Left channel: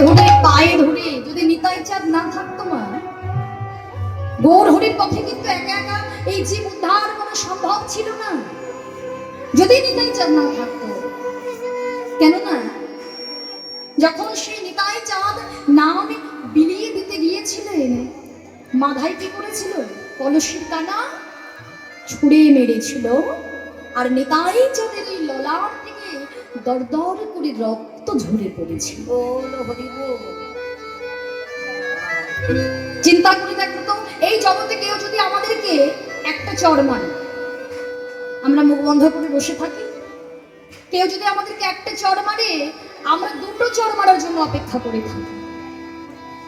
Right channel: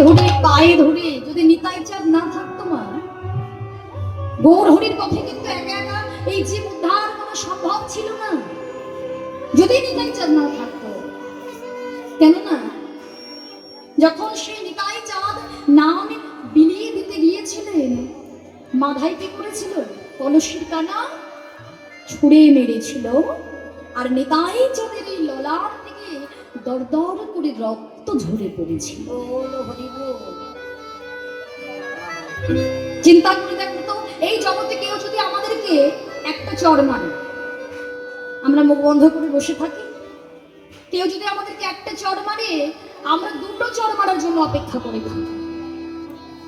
ধরে পায়ে ধরে যদি নিতাই চাঁদ না থাকতো না, গৌর হরির পথে কিন্তু একা একা এই জীব উদ্ধার করা সম্ভব ছিল না, যদি নিতাই চাঁদ না থাকতো। কেননা যখন সেই নিতাই চাঁদ নাম বিলিয়ে দিতে গিয়েছিলেন, মাধাই কি করেছিল? কলসির কানা ছুঁড়ে মেরেছিল, আর নিতাই চাঁদের এই ললাট থেকে দরদর করে রক্ত ঝরে পড়েছিল। চিন্তা করে দেখো তো, এই জগতে কেউ যদি আমাদেরকে একটা চড় মারে, আমরা মুখ বন্ধ করে বসে থাকি। কেউ যদি আমাদেরকে একটা চড় মারে, আমরা দুটো চড় মারার জন্য অপেক্ষা করে থাকি।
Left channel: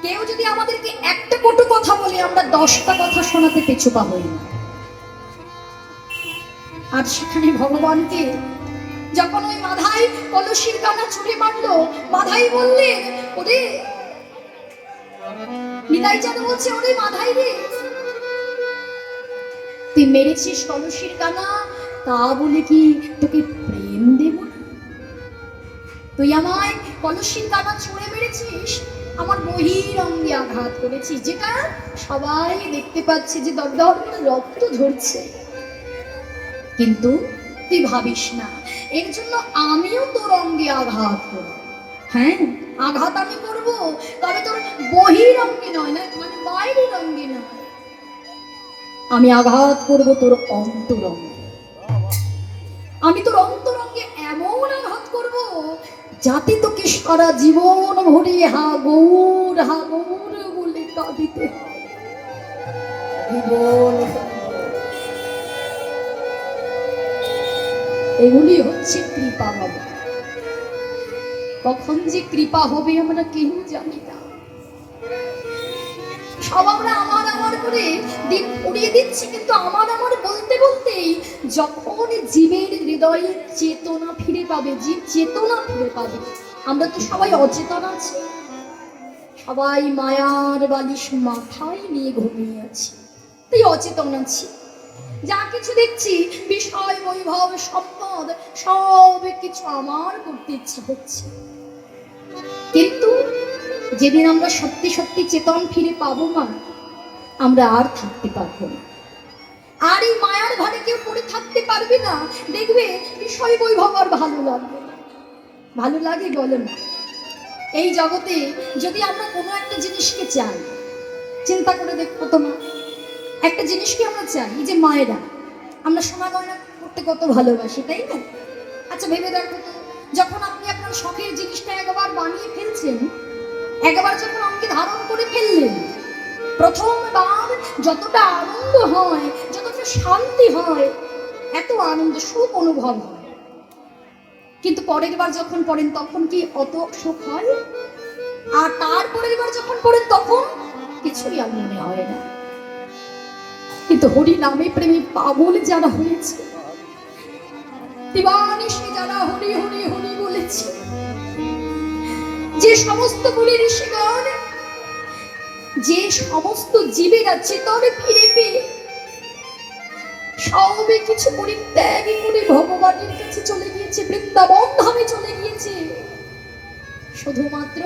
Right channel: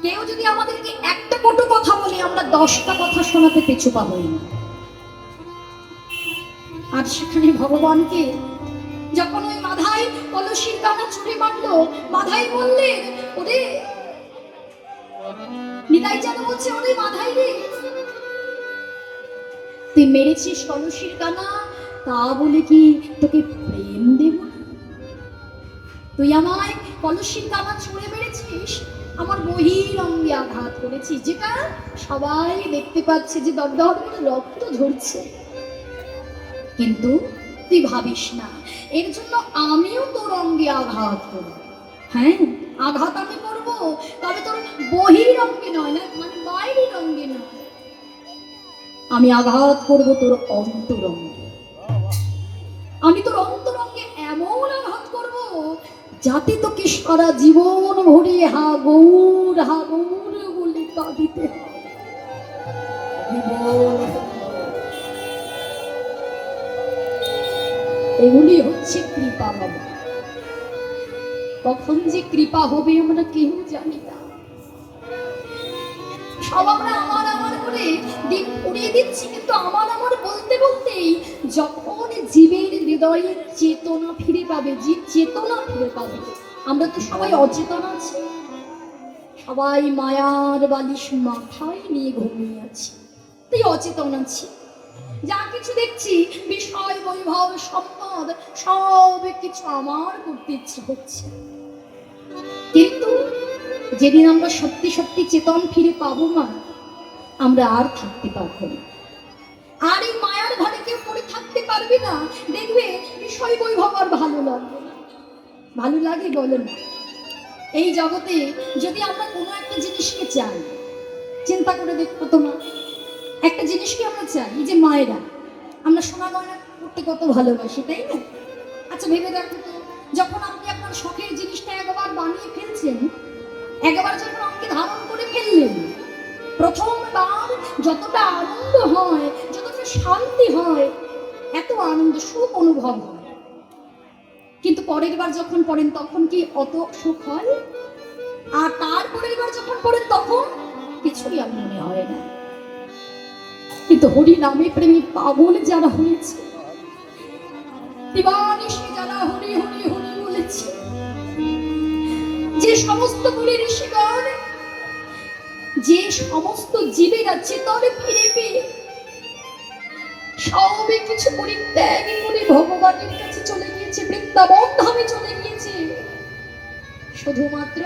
কেউ যদি আমাদেরকে একটা কটু কথা বলে, আমরা 10টা কথা শোনাতে পিছু পাবো না। আর সেখানে ভগবানকে যখন ওই মাধাই কলসির কানা ছুঁড়ে মারলো, মাধাই বললেন, ওরে নিতাই চাঁদ বলছে, ওরে মাধাই রে, তুই মেরেছিস কলসির কানা, তা বলে কি তোকে প্রেম দেব? তুই আমায় কলসির কানা ছুঁড়ে মেরেছিস, আমার বহিরঙ্গে আঘাত করেছিস, যেটা সবাই দেখতে পাচ্ছে যে দরদর রক্ত ঝরছে। কিন্তু তুই ভাবিস না, এর জন্য আমিও তোর অঙ্গে আঘাত করব। হ্যাঁ, আঘাত আমি করবো, তবে তোর বহিরঙ্গে নয়, না মানে বাইরের অঙ্গে নয়, আমি আঘাত করব তোর অন্তরঙ্গে। আমি তোর অন্তরঙ্গে এমন আঘাত করব, যাতে তোকে সারা জীবন ভরে হাগুর হাগুর বলে কাঁদিতে হয়। এগুলি হচ্ছে কৃপা বাবা। কখন যে কৃপা হবে আমরা কেউ জানি না। সব আমরা আমার আমার করে দিন উড়িয়ে দিচ্ছি, কিন্তু আমার আমার বলতে বলতেই যখন জীবের হৃদয়ে চেতনা ফিরে পাবে, জীব চেতনা ফিরে পাবে। আমরা তো সবাই অচেতন আছি, সবাই মায়ার বালিশ মাথায় নিয়ে ঘুমিয়ে আছি, তাই অচেতন আছি। যা কিছু দেখছি বিষয় বৈভব সম্পদ সব কিছু আমার করতে ইচ্ছে হচ্ছে, কিন্তু যেদিন আমরা সত্যি সত্যি চেতন ফিরে পাবো না, আমরা আর থাকতে পারবো না। আর এই মায়ার ভারে কেউ পড়ে থাকতে পারবে না। দেখবে বিষয় বৈভব আর ভালো লাগবে না। ভালো লাগে বলো না? এই জগতে যদি আমরা কোনো একটা জিনিসকে চাই, চিন্তা করে দেখবো তোমার একটা জিনিসকে আমরা চাই, যে মায়েরা আমরা সোনা গয়না করতে কত ভালোবাসি, তাই না? আচ্ছা ভেবে দেখো তো, যখন আপনি আপনার শখের জিনিসটা একবার বানিয়ে ফেলছেন, একবার যখন আমাকে ধারণ করে ফেললেন, প্রথমবার যতটা আনন্দ হয়, যতটা শান্তি হয়, এত আনন্দ সুখ অনুভব হয়, কিন্তু পরের বার যখন পড়েন তখন কি অত সুখ হয়? আর তারপরের বার যখন পড়েন তখন কিছুই আর মনে হয় না। কিন্তু হরি নামে প্রেমী পাগল যারা হয়েছে, দিবানিশি যারা হরি হরি হরি বলেছে, যে সমস্ত মুনি ঋষিগণ, যে সমস্ত জীবেরা চেতনে ফিরে পেয়ে সবে কিছু পরিত্যাগ করে ভগবানের কাছে চলে গিয়েছে, বৃন্দাবন ধামে চলে গিয়েছে, শুধুমাত্র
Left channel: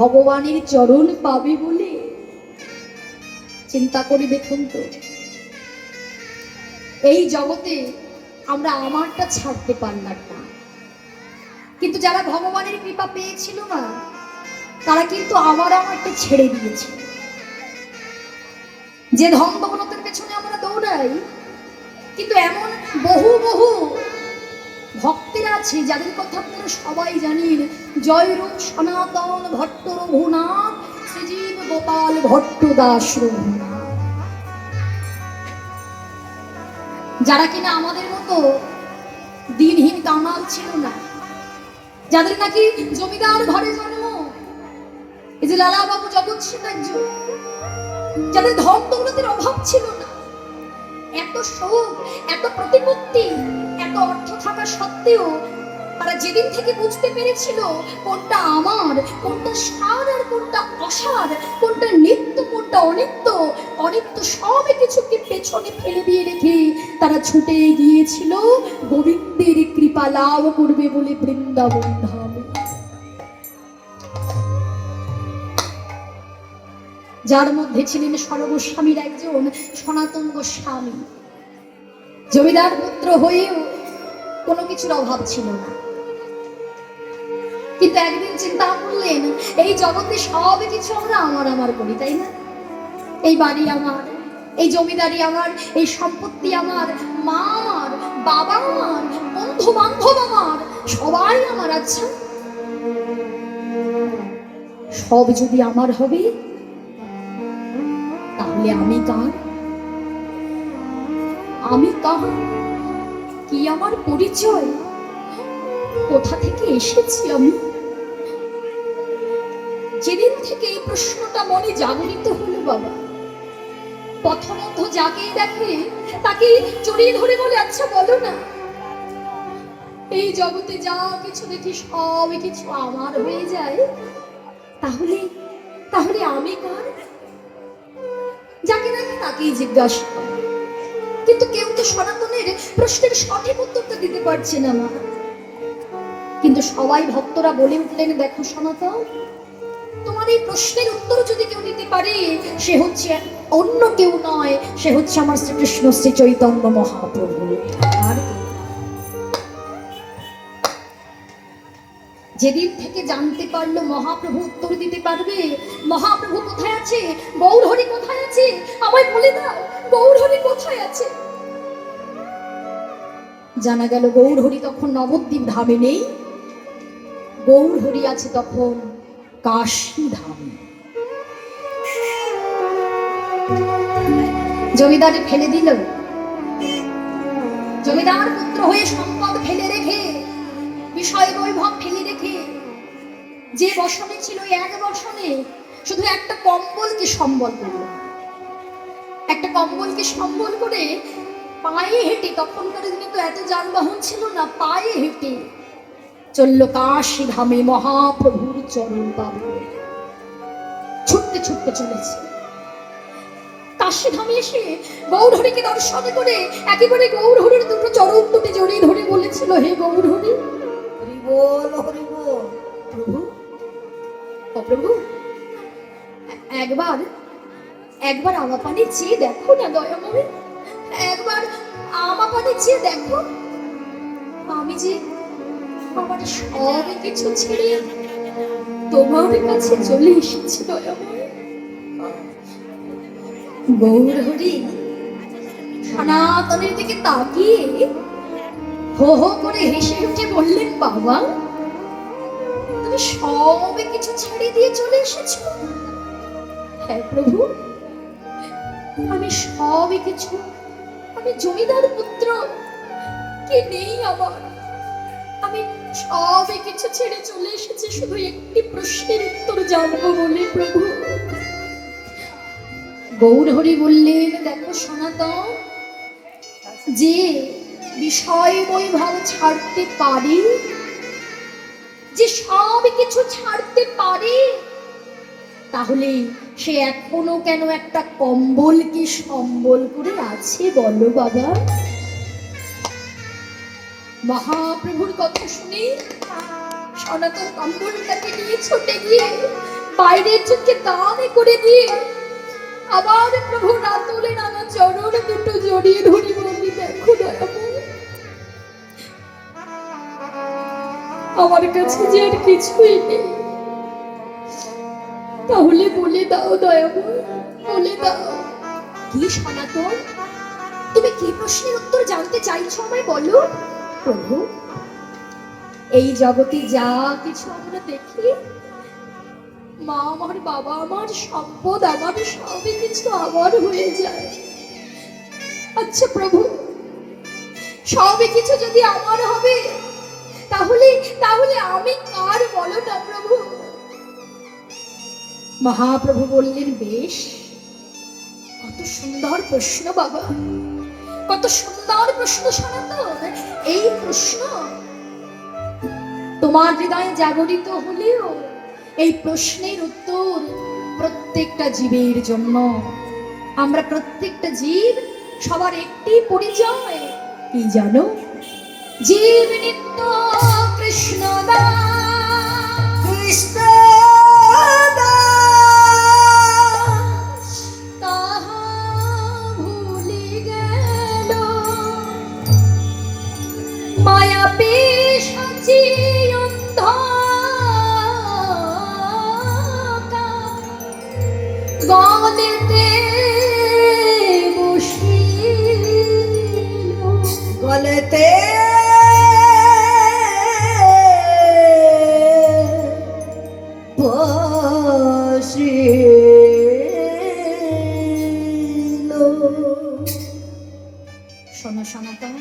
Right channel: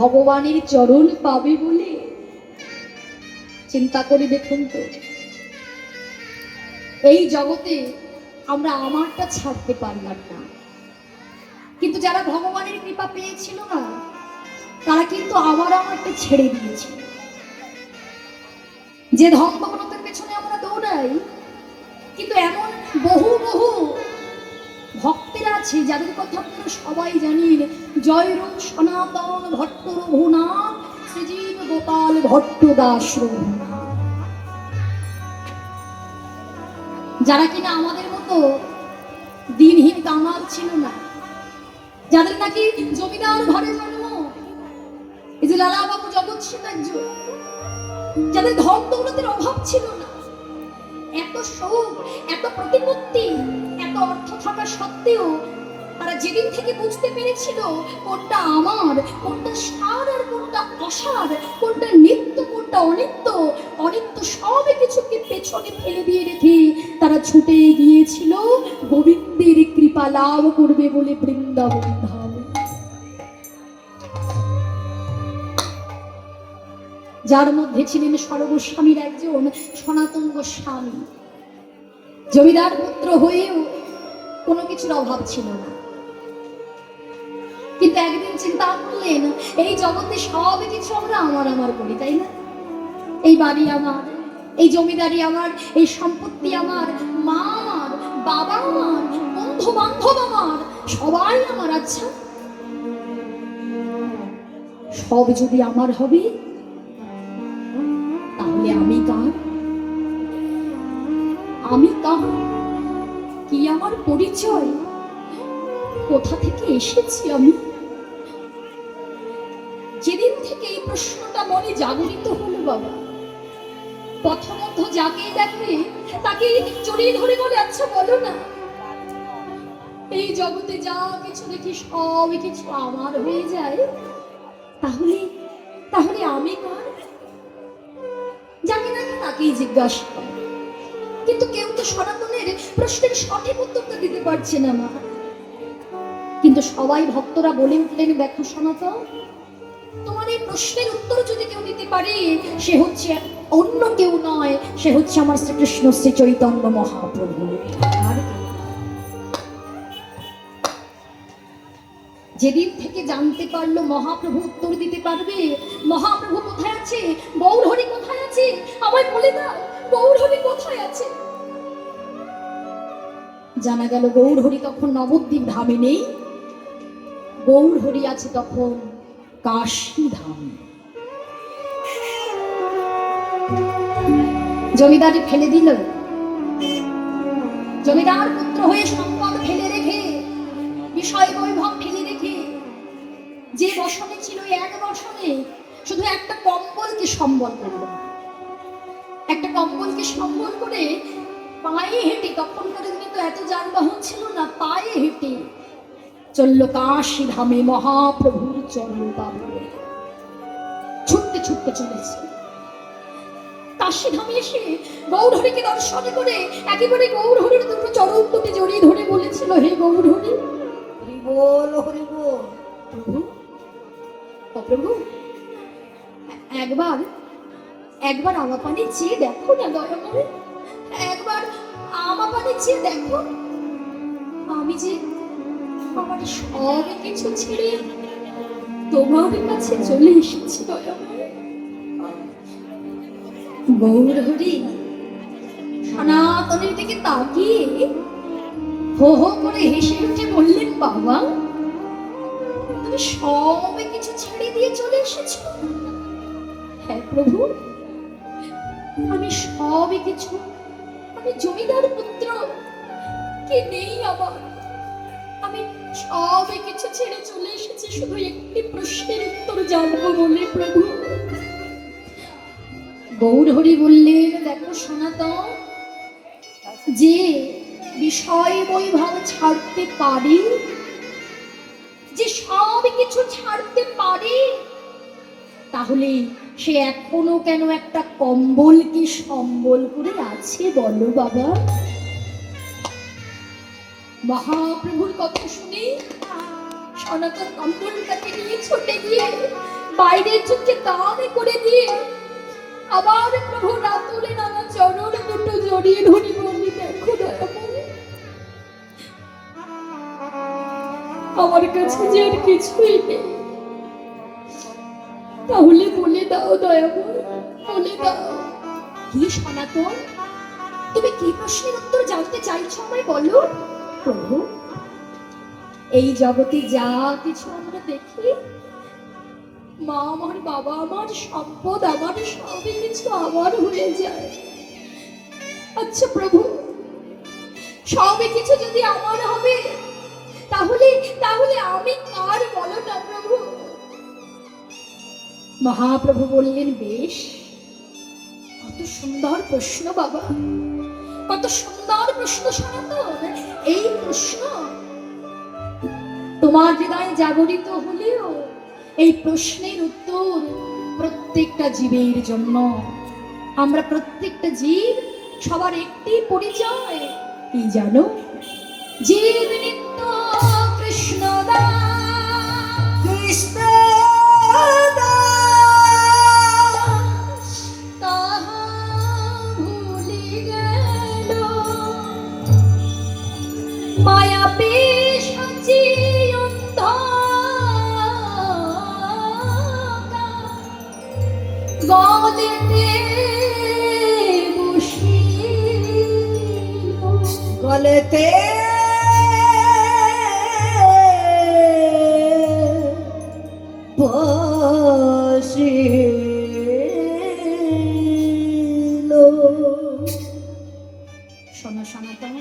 ভগবানের চরণ পাবে বলে। চিন্তা করে দেখুন তো, এই জগতে আমরা আমারটা ছাড়তে পারলাম না, কিন্তু যারা ভগবানের কৃপা পেয়েছিল না, তারা কিন্তু আমারটা ছেড়ে দিয়েছে। যে ধন দৌলতের পেছনে আমরা দৌড়াই, কিন্তু এমন বহু বহু ভক্তেরা আছে যাদের কথা আপনারা সবাই জানেন, জয়রূপ সনাতন ভট্ট রঘুনাথ, শ্রীজীব গোপাল ভট্ট দাস রঘুনাথ, যারা কিনা আমাদের মতো দিনহীন কামাল ছিল না, যাদের নাকি জমিদার ঘরে জন্ম, এই যে লালা বাবু জগৎ সিং একজন, যাদের ধন দৌলতের অভাব ছিল না, এত সুখ, এত প্রতিপত্তি, এত অর্থ থাকা সত্ত্বেও তারা যেদিন থেকে বুঝতে পেরেছিল কোনটা আমার, কোনটা সার আর কোনটা অসার, কোনটা নিত্য কোনটা অনিত্য, অনিত্য সব কিছুকে পেছনে ফেলে দিয়ে রেখে তারা ছুটে গিয়েছিল গোবিন্দের কৃপা লাভ করবে বলে বৃন্দাবন ধামে। যার মধ্যে ছিলেন সর্বস্বামীর একজন সনাতন গোস্বামী। জমিদার পুত্র হয়েও কোনো কিছুর অভাব ছিল না, কিন্তু একদিন চিন্তা করলেন এই জগতে সব কিছু আমরা আমার করি, তাই না? এই বাড়ি আমার, এই জমিদারি আমার, এই সম্পত্তি আমার, মার বাবা আমার, বন্ধু বান্ধব আমার, সবাই আমার। আচ্ছা, সব যদি আমার হবে তাহলে আমি কার? আমি কার? কি আমার পরিচয়? কোথা থেকে এসেছি আমি? যেদিন থেকে এই প্রশ্নটা মনে জাগরিত হলো বাবা, প্রথমত যাকে দেখে তাকে জড়িয়ে ধরে বলে, আচ্ছা বলো না, এই জগতে যা কিছু দেখি সব কিছু আমার হয়ে যায়, তাহলে তাহলে আমি কার? যাকে দেখে তাকেই জিজ্ঞাসা করে, কিন্তু কেউ তো সনাতনের প্রশ্নের সঠিক উত্তরটা দিতে পারছে না মা। কিন্তু সবাই ভক্তরা বলে উঠলেন, দেখো সনাতন, তোমার এই প্রশ্নের উত্তর যদি কেউ দিতে পারে, সে হচ্ছে অন্য কেউ নয়, সে হচ্ছে আমার শ্রীকৃষ্ণ শ্রী চৈতন্য মহাপ্রভু। আর যেদিন থেকে জানতে পারলো মহাপ্রভু উত্তর দিতে পারবে, মহাপ্রভু কোথায় আছে, গৌরহরি কোথায় আছে, আমায় বলে দাও, গৌরহরি কোথায় আছে। জানা গেল গৌরহরি তখন নবদ্বীপ ধামে নেই, গৌরহরি আছে তখন কাশী ধামে। জমিদারি ফেলে দিল, জমিদার পুত্র হয়ে সম্পদ ফেলে রেখে, বিষয় বৈভব ফেলে রেখে, যে বসনে ছিল এক বসনে শুধু একটা কম্বলকে সম্বল করল, একটা কম্বলকে সম্বল করে পায়ে হেঁটে, তখনকার দিনে তো এত যানবাহন ছিল না, পায়ে হেঁটে চলল কাশী ধামে মহাপ্রভুর চরণ পাবে। ছুটতে ছুটতে চলেছে। কাশী ধামে এসে গৌরহরিকে দর্শন করে একেবারে গৌরহরির দুটো চরণ দুটি জড়িয়ে ধরে বলেছিল, হে গৌরহরি, হরি বল হরি বল। প্রভু, ও প্রভু, একবার আমার পানে চেয়ে দেখো না দয়াময়, একবার আমার পানে চেয়ে দেখো, আমি যে আমার সব কিছু ছেড়ে তোমার কাছে চলে এসেছি দয়াময়। গৌরহরি সনাতনের দিকে তাকিয়ে হো হো করে হেসে উঠে বললেন, বাবা, তুমি সব কিছু ছেড়ে দিয়ে চলে এসেছো? হ্যাঁ প্রভু, আমি সব কিছু, আমি জমিদার পুত্র, কে নেই আমার, আমি সব কিছু ছেড়ে চলে এসেছি শুধু একটি প্রশ্নের উত্তর জানবো বলে প্রভু। গৌরহরি বললেন, দেখো সনাতন, যে বিষয় বৈভব ছাড়তে পারে, যে সব কিছু ছাড়তে পারে, তাহলে সে এখনো কেন একটা কম্বলকে সম্বল করে আছে বলো বাবা? মহাপ্রভুর কথা শুনে সনাতন কম্বলটাকে নিয়ে ছুটে গিয়ে বাইরের চোখে দান করে দিয়ে আবার প্রভু রাতুলে নানা চরণ দুটো জড়িয়ে ধরে বলি, দেখো দয়াময়, আমার কাছে যে আর কিছুই নেই, তাহলে বলে দাও দয়াময়, বলে দাও। কি সনাতন, তুমি কি প্রশ্নের উত্তর জানতে চাইছো আমায় বলো? প্রভু, এই জগতে যা কিছু আমরা দেখি, মা আমার, বাবা আমার, সম্পদ আমার, সবই কিছু আমার হয়ে যায়। আচ্ছা প্রভু, সবই কিছু যদি আমার হবে, তাহলে তাহলে আমি কার বলো না প্রভু? মহাপ্রভু বললেন, বেশ, কত সুন্দর প্রশ্ন বাবা, কত সুন্দর প্রশ্ন সনাতন। এই প্রশ্ন তোমার হৃদয়ে জাগরিত হলেও এই প্রশ্নের উত্তর প্রত্যেকটা জীবের জন্য। আমরা প্রত্যেকটা জীব, সবার একটি পরিচয়, কি জানো? জীব নিত্য কৃষ্ণ দাস, কৃষ্ণ দাস, গলেতে বসিল, গলেতে বসিল। শোনো সনাতন,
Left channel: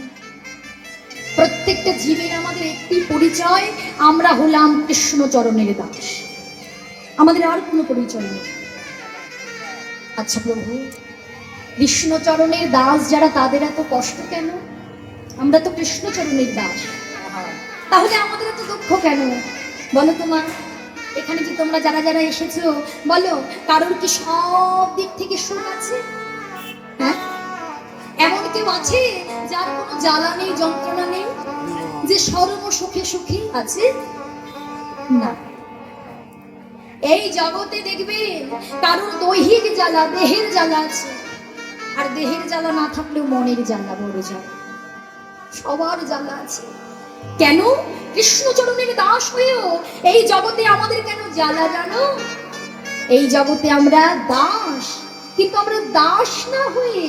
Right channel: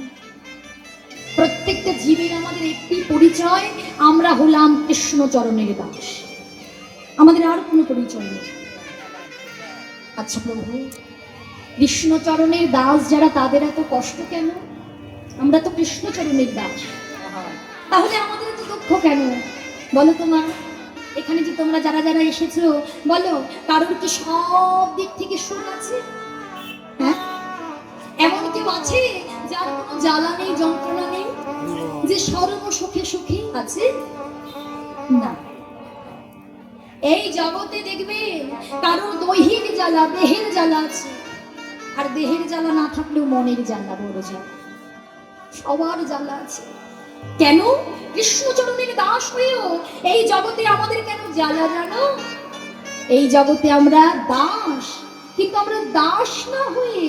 প্রত্যেকটা জীবের আমাদের একটি পরিচয়, আমরা হলাম কৃষ্ণচরণের দাস, আমাদের আর কোনো পরিচয় নেই। আচ্ছা প্রভু, কৃষ্ণচরণের দাস যারা, তাদের এত কষ্ট কেন? আমরা তো কৃষ্ণচরণের দাস, তাহলে আমাদের এত দুঃখ কেন বলো তো মা? এখানে যে তোমরা যারা যারা এসেছো, বলো কারোর কি সব দিক থেকে সুখ আছে? হ্যাঁ, এমন কেউ আছে যার কোনো জ্বালা নেই, যন্ত্রণা নেই, যে সর্ব সুখে সুখী আছে? না। এই জগতে দেখবে কারোর দৈহিক জ্বালা, দেহের জ্বালা আছে, আর দেহের জ্বালা না থাকলেও মনের জ্বালা, বড় জ্বালা, সবার জ্বালা আছে। কেন? কৃষ্ণচরণের দাস হয়েও এই জগতে আমাদের কেন জ্বালা জানো? এই জগতে আমরা দাস, কিন্তু আমরা দাস না হয়ে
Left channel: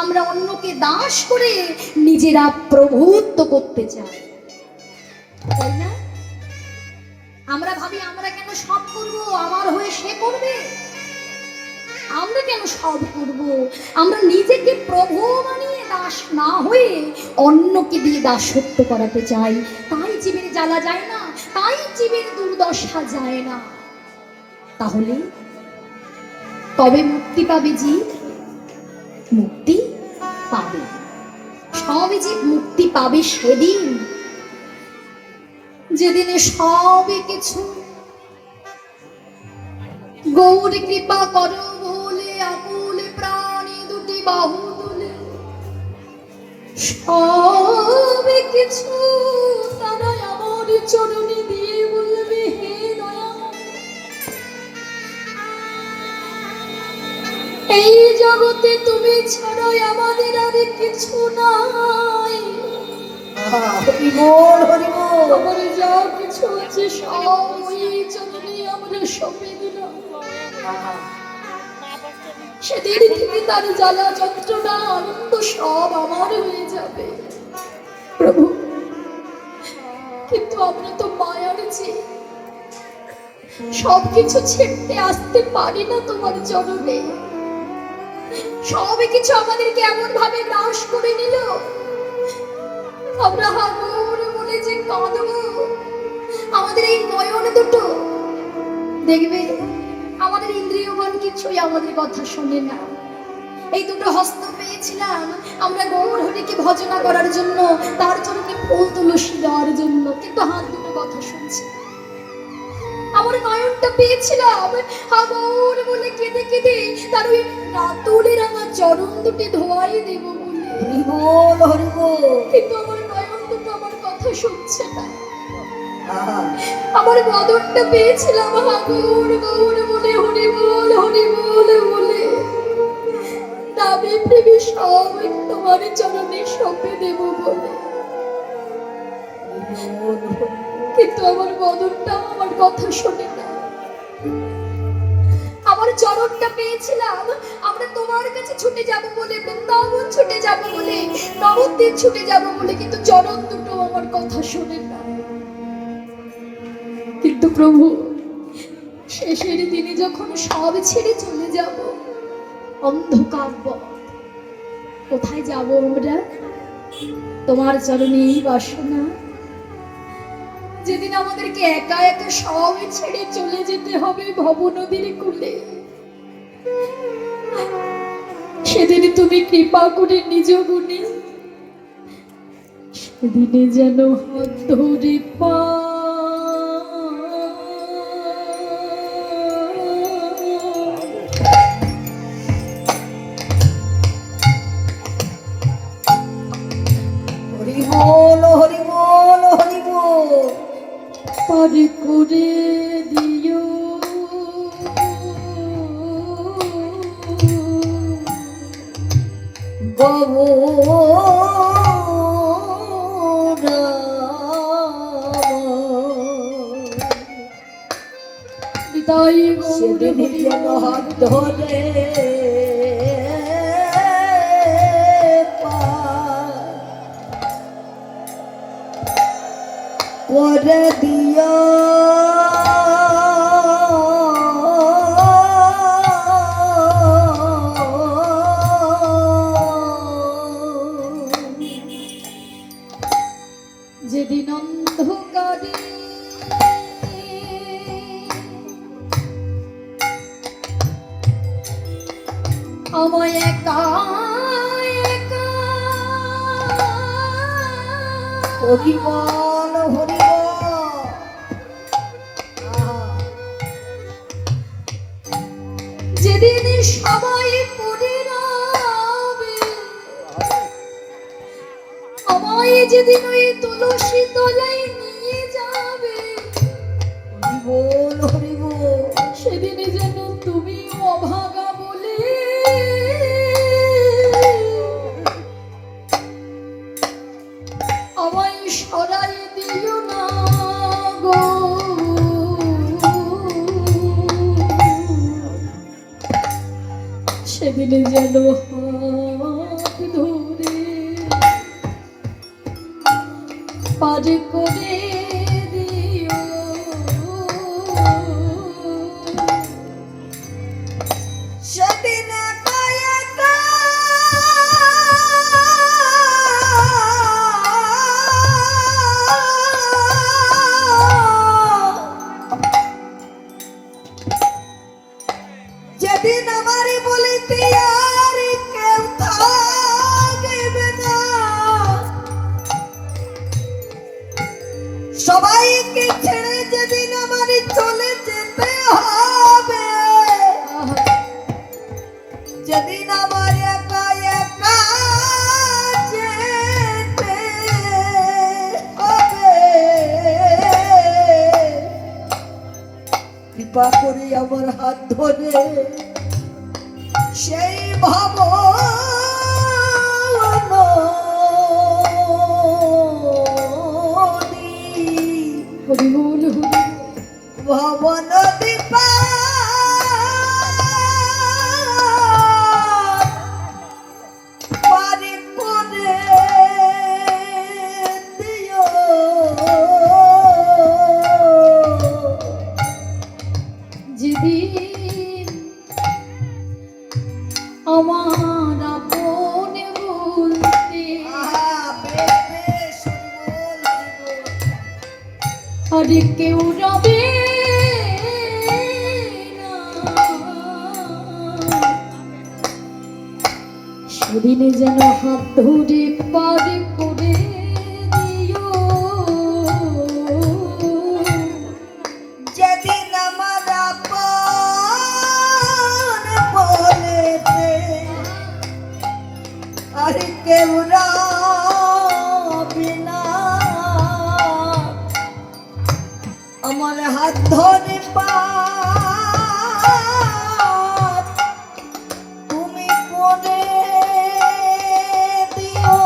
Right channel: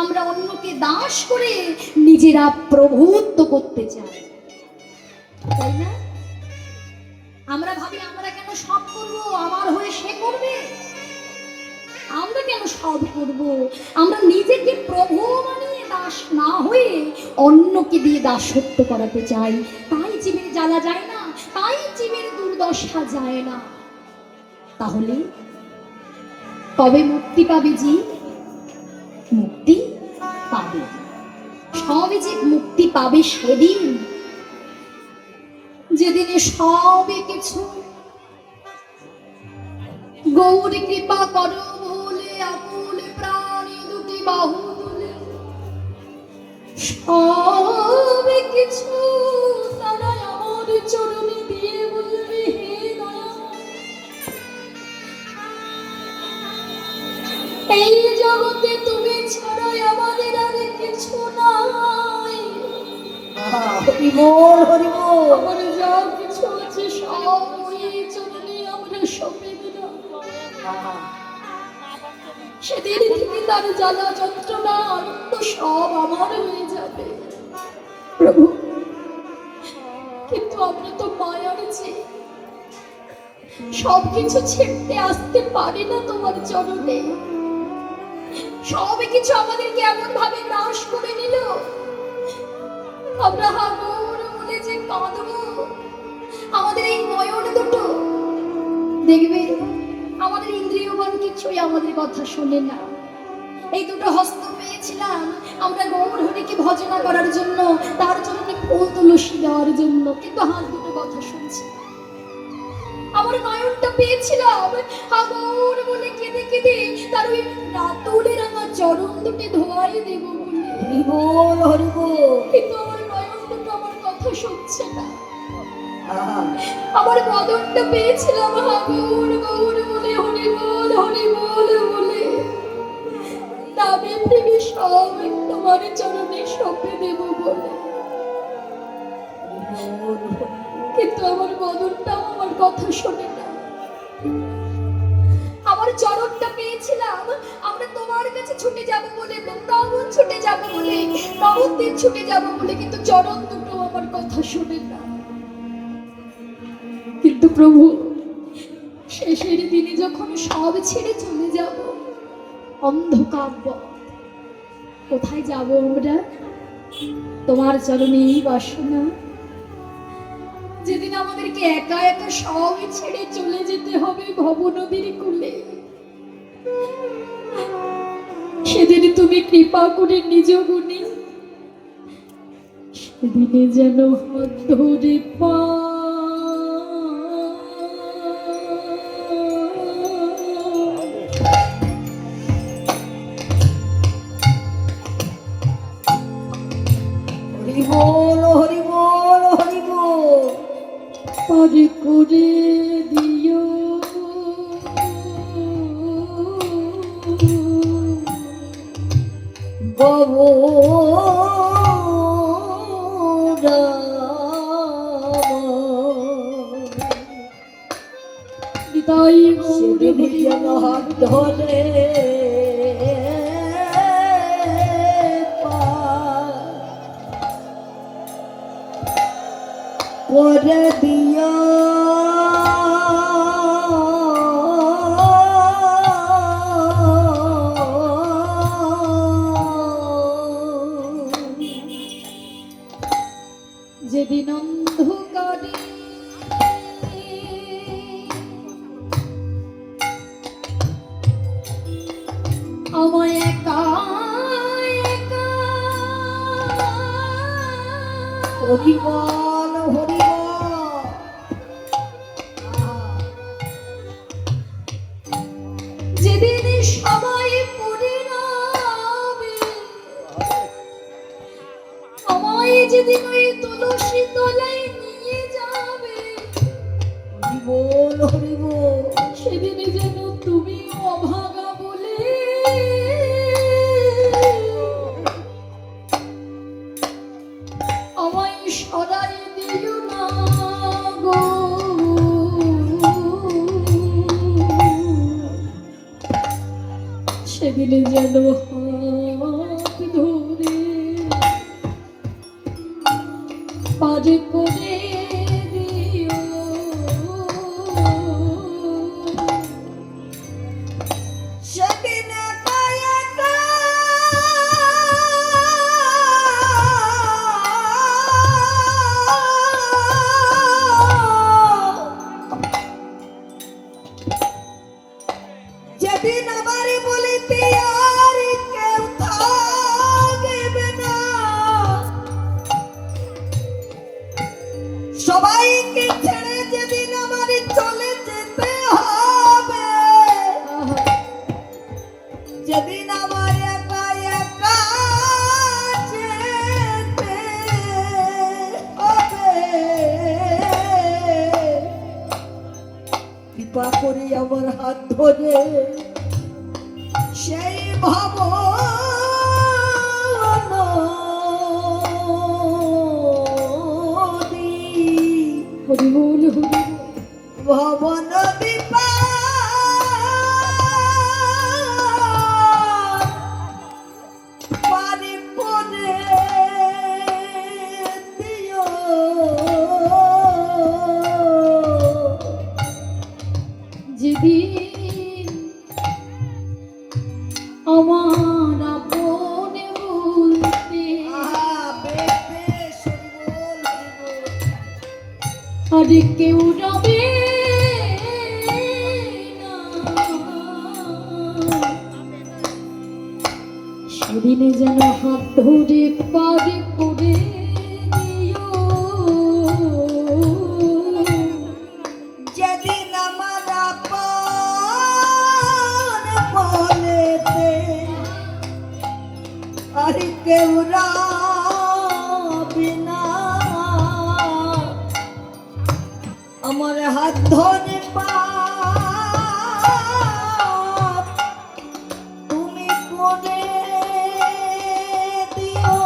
আমরা অন্যকে দাস করে নিজেরা প্রভুত্ব করতে চাই, তাই না? আমরা ভাবি আমরা কেন সব করবো, আমার হয়ে সে করবে। আমরা কেন সব করব? আমরা নিজেকে প্রভু বানিয়ে দাস না হয়ে অন্যকে দিয়ে দাসত্ব করাতে চাই। তাই জীবের জ্বালা যায় না, তাই জীবের দুর্দশা যায় না। তাহলে কবে মুক্তি পাবে জীব? মুক্তি পাবে, সব জীব মুক্তি পাবে সেদিন, যেদিনে সবই কিছু গৌরী কৃপা করো বলে আকুলে প্রাণী দুটি বাহু তুলে, সবই কিছু তারা আমার চরণে দিয়ে বলবে হে দয়া, এই জগতে তুমি ছাড়াই আমাদের আর কিছু নাই। হরিবোল হরিবোল। আমার যা কিছু আছে সব ওই চরণে আমরা সঁপে দিলাম। সেদিন থেকে তার জ্বালা যন্ত্রণা আনন্দ সব আমার হয়ে যাবে প্রভু। কিন্তু আমরা তো মায়ার জীব, সবকিছু ছেড়তে আসতে পারি না তোমার চরণে। সবই কিছু আমাদেরকে এমন ভাবে নাশ করে নিল, আমরা হাগুর মনে যে কাঁদবো। আমাদের এই নয়ন দুটো দেখবে, আমাদের ইন্দ্রিয়গণ কিছুই আমাদের কথা শোনে না। এই দুটো হস্ত পেয়েছিলাম আমরা গৌর হরিকে ভজনা করার জন্য, তার জন্য ফুল তুলসী দেওয়ার জন্য, কিন্তু হাত দুটো কথা শুনছে। আমার নয়নটা পেয়েছিলাম হাগুর বলে কেঁদে কেঁদে তার ওই রাতুলের আমার চরণ দুটি ধোয়াই দেব বলে। হরিবোল হরিবোল। কিন্তু আমার নয়ন দুটো আমার কথা শুনছে না। আমার বদনটা পেয়েছিলাম হাগুর গৌর বলে, হরি বল বলে, দাবি প্রেমী সব তোমার চরণে সঁপে দেব বলে। কিন্তু আমার বদনটা আমার কথা শোনে না। আমার চরণটা পেয়েছিলাম আমরা তোমার কাছে ছুটে যাব বলে, বৃন্দাবন ছুটে যাব বলে, নবদ্বীপ ছুটে যাব বলে, কিন্তু চরণ দুটো আমার কথা শোনে না। কিন্তু প্রভু, শেষের দিনে যখন সব ছেড়ে চলে যাব, অন্ধকার পথ, কোথায় যাব আমরা? তোমার চরণেই বাসনা। যেদিন আমাদেরকে একা একা সব ছেড়ে চলে যেতে হবে ভবনদীর কূলে, সেদিন তুমি কৃপা করে নিজ গুণে সেদিনে যেন হাত ধরে পা হরিবোল হরিবোল হরিবোল। পারি করে দিও নিতাই সেদিন যেন হাত ধরে করে দিয়া যেদিন অন্ধকারে আমায় একা একা হরিবল হরিবল যেদিন সবাই পড়ে রবে আমায় যেদিন ওই তুলসী তলায় নিয়ে যাবে হরিবল হরিবল সেদিন যেন তুমি অভাগা বলে আমায় সরাই দিও না গো সেদিন যেন হাত ধরে পার করে দিও সেদিন একা একা যেদিন আমারে বলিতে আর কেউ থাকবে না সবাইকে ছেড়ে যেদিন আমারে চলে যেতে হবে যেদিন আমার একা একা যেতে হবে কৃপা করে আমার হাত ধরে সেই হরিবল ভবন দীপা পারি করে দিও যেদিন আমার আপন বলতে আর কেউ রবে না সেদিন যেন হাত ধরে পার করে দিও যেদিন আমার আপন বলেতে আর কেউ রবে না আমার হাত ধরে তুমি করে দিও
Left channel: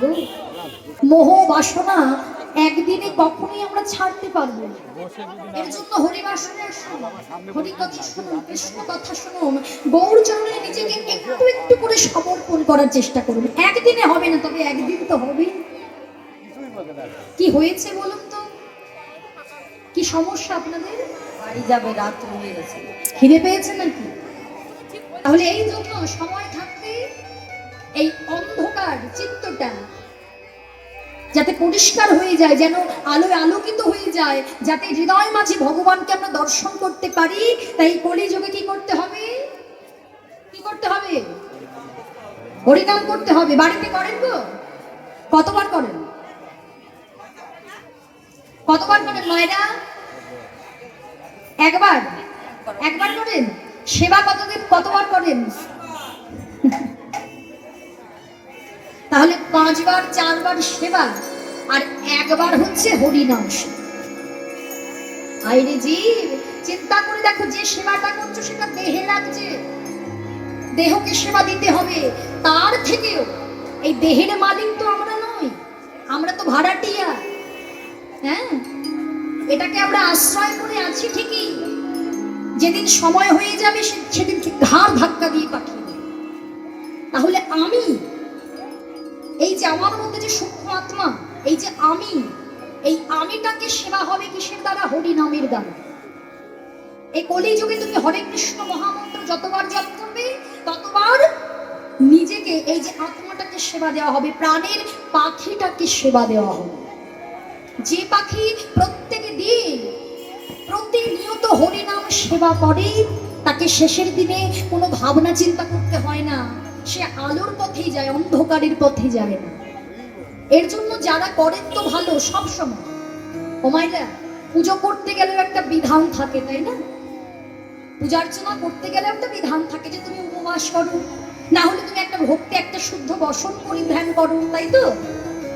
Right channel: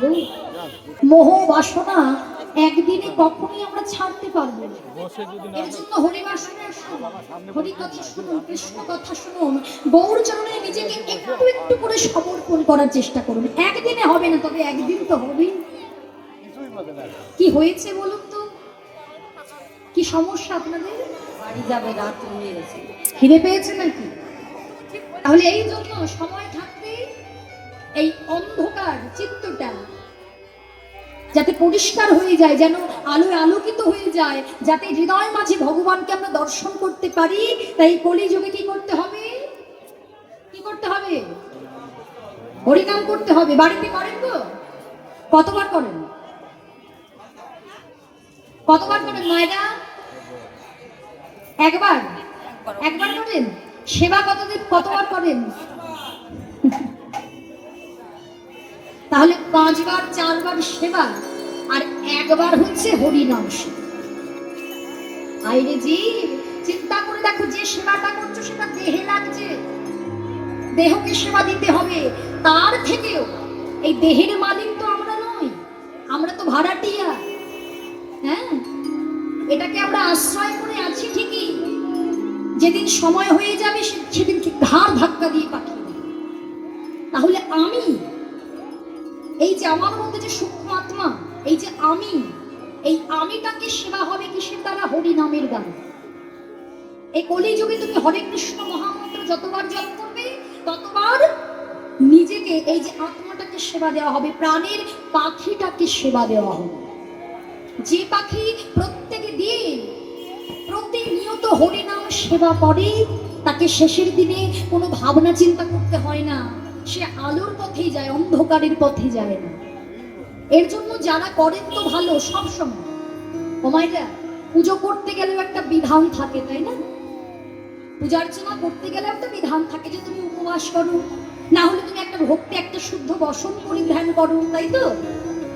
গো। মোহ বাসনা একদিনে কখনোই আমরা ছাড়তে পারবো না। এর জন্য হরিবাসনে আসুন, হরি কথা শুনুন, কৃষ্ণ কথা শুনুন, গৌর চরণে নিজেকে একটু একটু করে সমর্পণ করার চেষ্টা করুন। একদিনে হবে না, তবে একদিন তো হবেই। কি হয়েছে বলুন তো, কি সমস্যা আপনাদের? বাড়ি যাবে, রাত হয়ে গেছে। খিদে পেয়েছে নাকি? তাহলে এই জন্য সময় থাকতে এই অন্ধকার চিত্তটা যাতে পরিষ্কার হয়ে যায়, যেন আলোয় আলোকিত হয়ে যায়, যাতে হৃদয় মাঝে ভগবানকে আমরা দর্শন করতে পারি, তাই কলিযুগে কি করতে হবে? কি করতে হবে? হরিনাম করতে হবে। বাড়িতে করেন তো? কতবার করেন? কতবার করেন মায়েরা? একবার? একবার করেন? সেবা কতবার করেন? তাহলে 5 বার 4 বার সেবা আর একবার হচ্ছে হরিনাম। আইরে জীব, চিন্তা করে দেখো, যে সেবাটা করছো সেটা দেহে লাগছে, দেহকে সেবা দিতে হবে। তার থেকেও এই দেহের মালিক তো আমরা নই, আমরা তো ভাড়াটিয়া। হ্যাঁ, এটাকে আমরা আশ্রয় করে আছি ঠিকই, যেদিন সময় হয়ে যাবে সেদিন ঘাড় ধাক্কা দিয়ে পাঠিয়ে দেবে। তাহলে আমি, এই যে আমার মধ্যে যে সূক্ষ্ম আত্মা, এই যে আমি, এই আমিটাকে সেবা হবে কিসের দ্বারা? হরি নামের দ্বারা। এই কলিযুগে তুমি হরে কৃষ্ণ মহামন্ত্র যতবার জপ করবে ততবার নিজেকে, এই যে আত্মাটাকে সেবা দেওয়া হবে, প্রাণের পাখিটাকে সেবা দেওয়া হবে। যে পাখি প্রত্যেক দিন প্রতিনিয়ত হরিনাম সেবা করে, তাকে শেষের দিনে কোনো ভাবনা চিন্তা করতে হয় না, সে আলোর পথেই যায়, অন্ধকারের পথে যায় না। এর জন্য যারা করেন তো ভালো, সব সময় ও মাইরা পুজো করতে গেলেও একটা বিধান থাকে, তাই না? পূজা অর্চনা করতে গেলেও একটা বিধান থাকে যে তুমি উপবাস করো, না হলে তুমি একটা ভক্তি, একটা শুদ্ধ বসন পরিধান করো, তাই তো?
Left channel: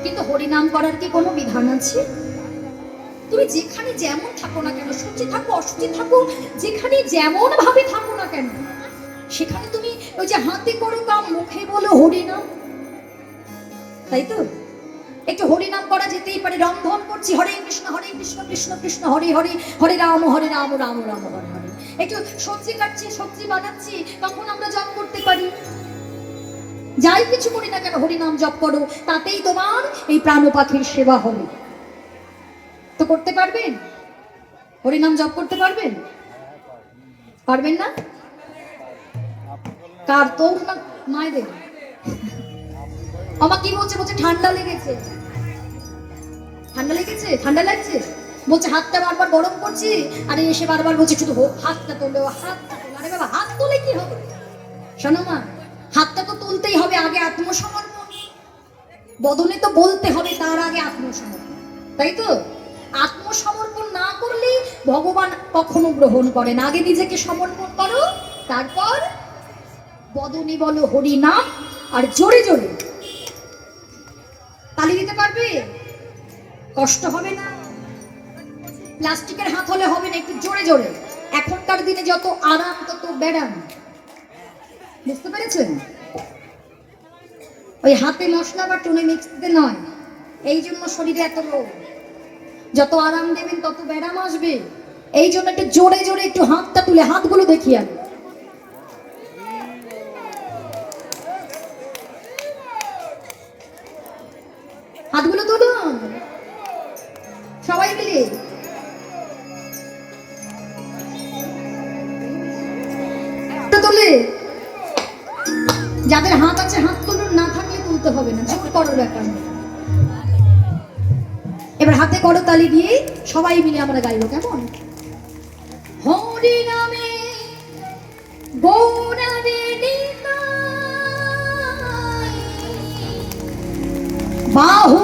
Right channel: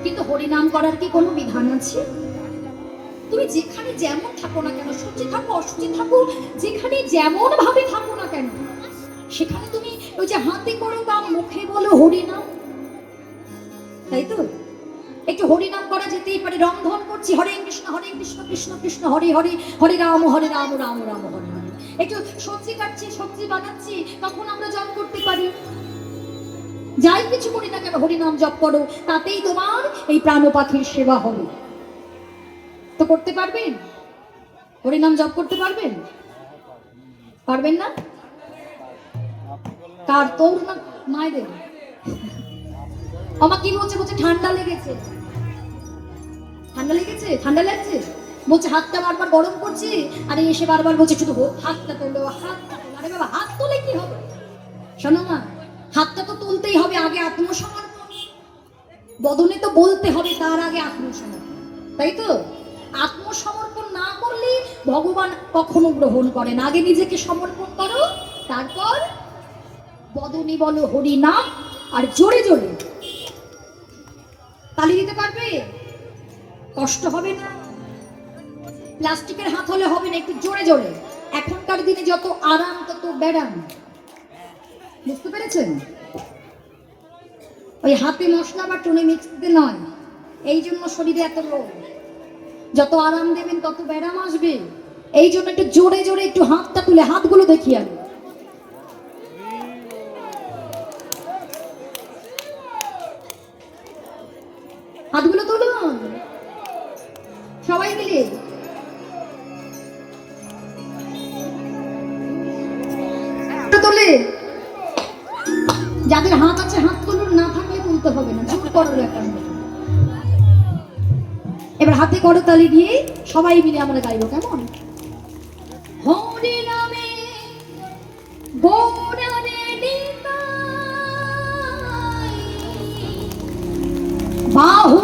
কিন্তু হরিনাম করার কি কোনো বিধান আছে? তুমি যেখানে যেমন থাকো না কেন, সত্যি থাকো অসুচি থাকো, যেখানে যেমন ভাবে থাকো না কেন, সেখানে তুমি ওই যে হাতে করো কাম, মুখে বলো হরিনাম, তাই তো? একটু হরিনাম করা যেতেই পারে। রন্ধন করছি, হরে কৃষ্ণ কৃষ্ণ কৃষ্ণ হরে হরে, হরে রাম রাম রাম হরে হরে। একটু সবজি কাটছি, সবজি বানাচ্ছি, তখন আমরা জপ করতে পারি। যাই কিছু করি না কেন, হরিনাম জপ করো, তাতেই তোমার এই প্রাণ পাখির সেবা হবে। তো করতে পারবেন? হরিনাম জপ করতে পারবেন? পারবেন না? কার তোর না মায়েদের? আমার কি বলছে? বলছে ঠান্ডা লেগেছে। ঠান্ডা লেগেছে? ঠান্ডা লাগছে? বলছে হাতটা বারবার গরম করছি, আর এসে বারবার বলছে শুধু হাতটা তোলো, হাতটা তোলো। আরে বাবা, হাত তোলে কি হবে? শোনো মা, হাতটা তো তুলতেই হবে, আগে আত্মসমর্পণ। বদনে তো বলতে হবে, তার আগে আত্মসমর্পণ, তাই তো? আত্মসমর্পণ না করলে ভগবান কখনো গ্রহণ করেন। আগে নিজেকে সমর্পণ করো, তারপর বদনে বলো হরি নাম, আর জোরে জোরে তালি দিতে পারবে? কষ্ট হবে না? প্লাস্টিকের হাত হলে হবে না, একটু জোরে জোরে। এখনকার দিনে যত আরাম তত ব্যারাম, বুঝতে পেরেছেন? ওই হাতে মশলা বা টুনে মিক্স দিতে নয়, এই জন্য শরীরে এত রোগ। যত আরাম দেবেন তত ব্যারাম আসবে। এই জন্য একটু জোরে জোরে একটু হাতটা তুলে, হাতগুলো দেখি আমি, হাতগুলো তুলুন সবাই মিলে। তোলে, যাদের হাত আছে হাত তুলুন, না থাকলে তুলতে হবে না, জোর করো ব্যাপার। এবার হাতে করতালি দিয়ে সবাই মিলে আমরা গাইব, কেমন? হরি নামে গৌরারে নিতাই, বাহু